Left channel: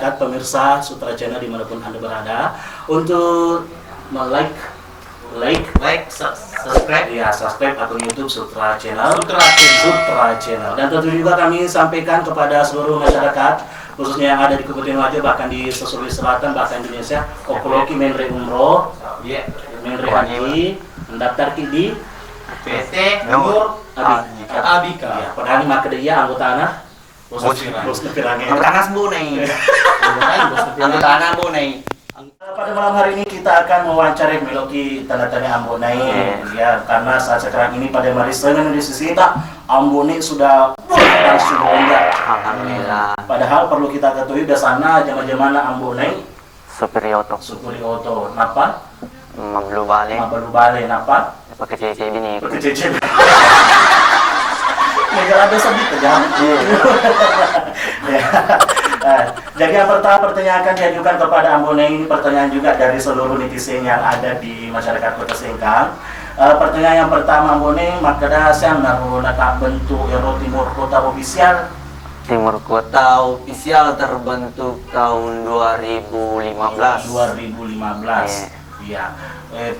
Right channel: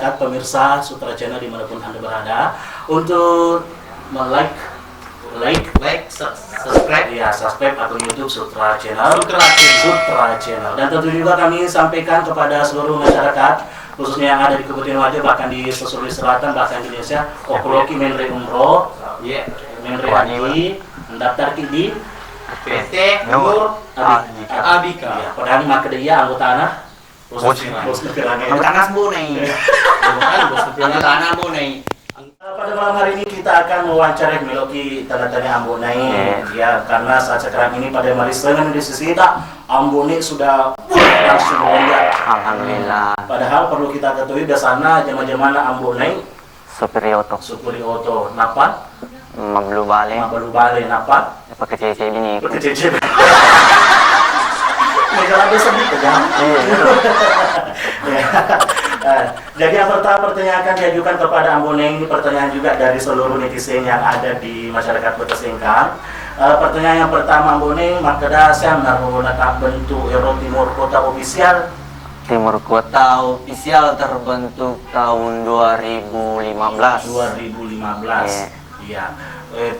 masyarakat pemirsa Sutra Channel dimanapun Anda berada untuk subscribe ya, subscribe akun YouTube Sutra Channel. Dan tentu juga kami sampaikan kepada seluruh masyarakat khususnya yang ada di Kabupaten Wajo, bahkan di Sulawesi Selatan, bahkan Indonesia, Kokoloki Menre Umroh, Menre Haji, mendaftar di PT Nur Abika. Ya, padahal ini maka dia anggota anak bos nepirange. Anggota bunai. Anggota bunai. Pada malam hari ini kita akan mewawancarai Miloki tanda-tanda Ambonai ya, karena saat sekarang ini pada hari Senin di sisi kita Ambonai sudah langsung melonjak. Alhamdulillah. Padahal perlu kita ketahui biasanya zaman-zaman Ambonai Supiri Oto. Napa? Mablu bale napa? Pakai cece ini. Pakai cece. Negara ada sebut aja. Jadi yang pertama pertanyaan akan diajukan kepada Ambonai, ini pertanyaan juga dari seluruh netizen yang ada di masyarakat Kota Sengkang. Pertanyaan yang pertama Ambonai, makada saya naruh bentuk Euro Timur Kota Ofisial. Timur Kota Ofisial terbentuk tahun 2015. 2015. Iya.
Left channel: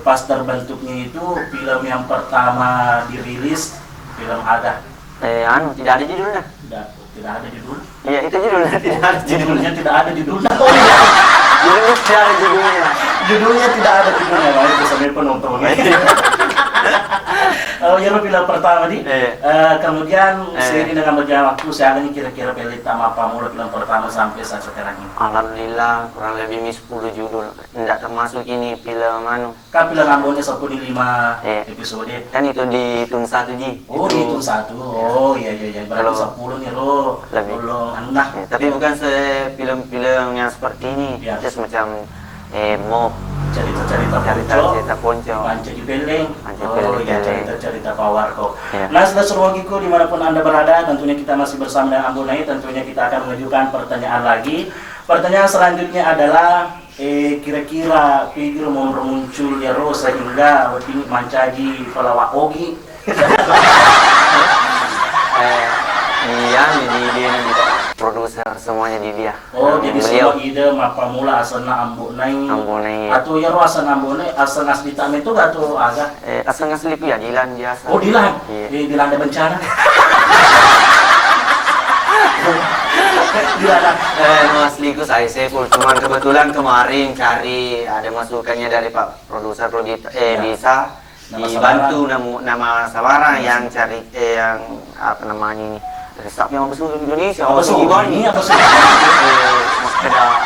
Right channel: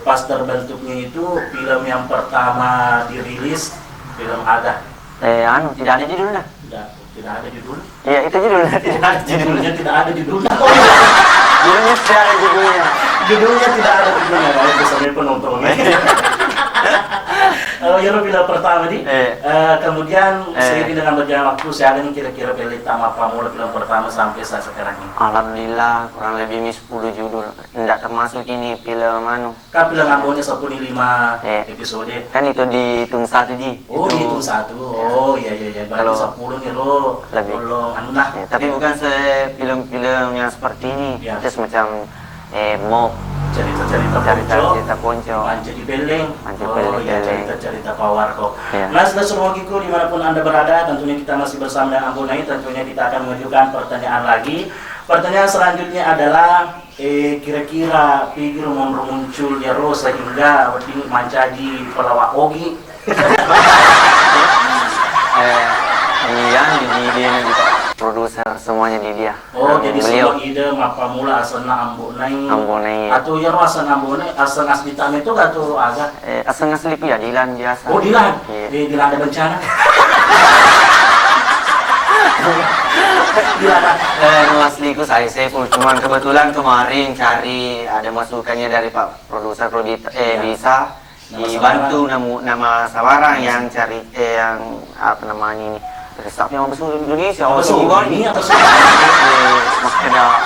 Pas terbentuknya itu film yang pertama dirilis film ada. Tidak ada judulnya. Tidak ada judul. Iya, itu judulnya. Tidak ada Judulnya tidak ada judulnya. Judulnya tidak ada judulnya. Judulnya tidak ada judulnya. Baik, sambil penontonnya. Ya film pertama di. Kemudian seiring dengan berjalan waktu, saya akan kira-kira pilih tamat pamula film pertama sampai saat sekarang ini. Alhamdulillah, kurang lebih 10 judul. Tidak termasuk ini film Kan film Ambonai 15 episode. Kan itu dihitung satu di. Oh, dihitung satu. Oh, iya. Berarti 10 nih lo. Tolong tapi bukan film-film yang seperti ini. Ya. Itu semacam mau cerita ponco, Panca di Beleng. Oh iya, cerita Pawarko. Ya. Nah, seluruh Giku dimanapun Anda berada, tentunya kita masih bersama dengan Ambonai. Tentunya kita akan mengajukan pertanyaan lagi. Pertanyaan selanjutnya adalah kira-kira figur muncul ya sehingga weting mancaji pelawak Ogi. Iya, di dia nih produser semuanya di dia. Oh, jadi semua ide mapa mula asalna Ambonai. Atau ya asal Ambonai, asal asli tamen itu gak tuh agak? Asal asli ya Dilan biasa. Oh, Dilan. Iya. Dilan ada bencana. Dilan. Asliku saya Saiful, cuman kebetulan kemarin cari ada masukannya dari Pak produser bisa dibantu nama Sawarang yang cari yang apa namanya ini. Resep yang besar Indonesia. Ini apa sih? Makanya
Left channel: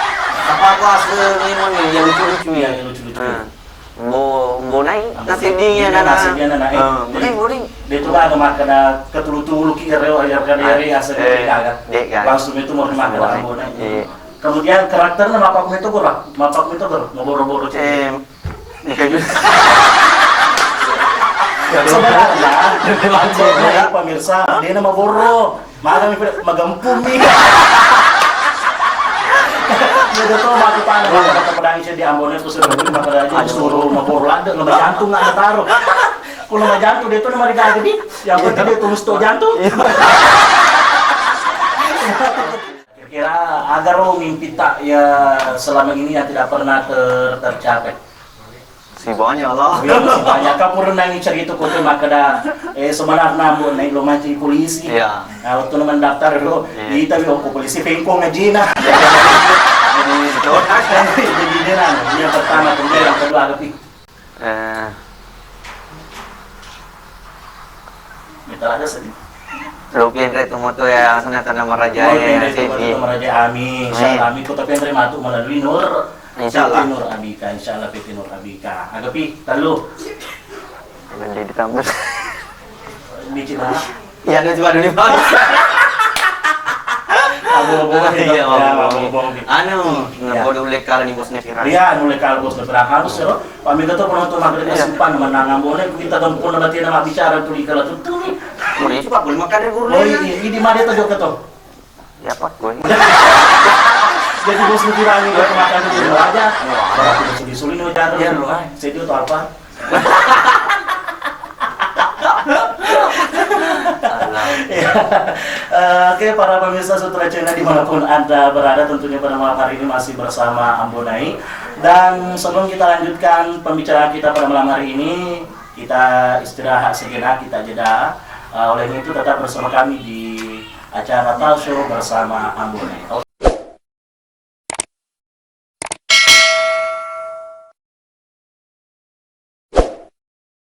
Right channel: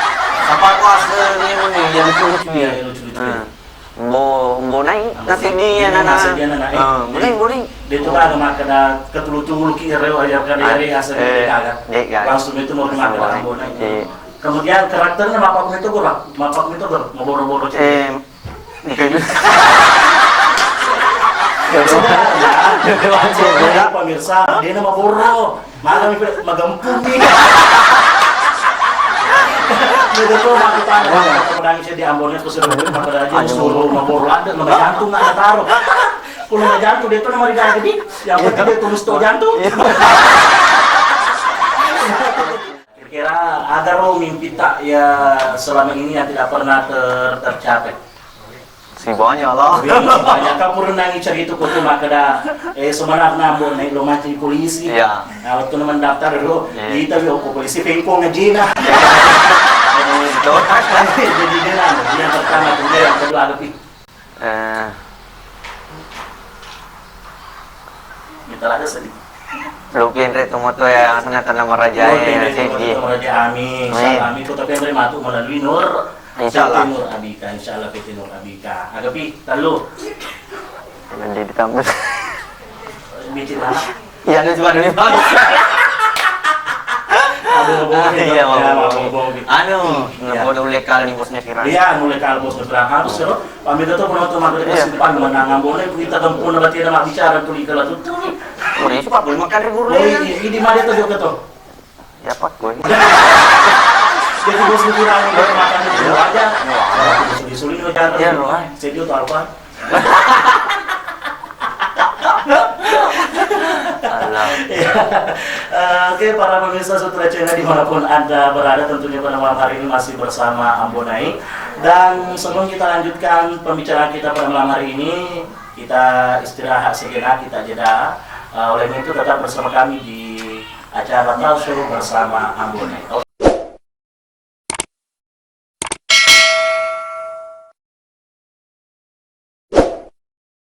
siapa kau asli mana yang lucu-lucu ya? Lucu-lucu. Mbonai nasi dia nana. Mbonai. Dia tu lah makna ketulu-tulu kira ajar dari asal dia langsung itu mau dimakan Mbonai. Kemudian karakternya mapak itu gua, mau boro-boro sebenarnya pemirsa dia nama boro magempung nih. Dia tuh makutan kata pedang di Ambonai itu sudah beli maka aja suruh maboro ada lemah jantung nggak ada taruh. Kalau lemah jantung dia tuh nama di gede yang penting dia tulis tuh jantung. Kira-kira agar lo mimpi tak ya selama ini yang tidak pernah tercapai. Si banyak Allah. Banyak kamu renangi cerita kau tuh makada sebenarnya Ambonai lo mancing polisi. Iya. Nah waktu lo mendaftar lo, kita bilang polisi pengkong ngejina. Jadi dia yang pertama, kemudian yang kedua agak minta ada sedih. Lupin itu moto ya senata nama raja. Raja Amin. Insyaallah Amin kota Pendri matu melalui Nur. Insyaallah. Nur Abika, insyaallah PT Nur Abika. Agapi, talo. Nanti ditambah. Bicin lah. Iya, ada cuma dulu Pak. Abong-abong. Bodoh lekal nih bosnya viral. Iya, nu lekal bos viral harus ya. Pamit itu penonton maghrib simpan menang Ambonai kita gempun berarti nama bicara tuli kalau tuh. Ini Pak belum makan ribu. Oh, ini mana tuh jok itu? Ya Pak gue. Jadi bos dikurangi buat makan dulu aja. Bos disulin aja. Ya loh. Sedio atau apa? Salam. Ya. Oke, para pemirsa Sutra Channel dimanapun Anda berada, tentunya pada malam hari ini masih bersama Ambonai. Dan sebelum kita lanjutkan pembicaraan kita pada malam hari ini, kita istirahat sejenak, kita jeda. Oleh itu tetap bersama kami di acara Talk Show bersama Ambonai.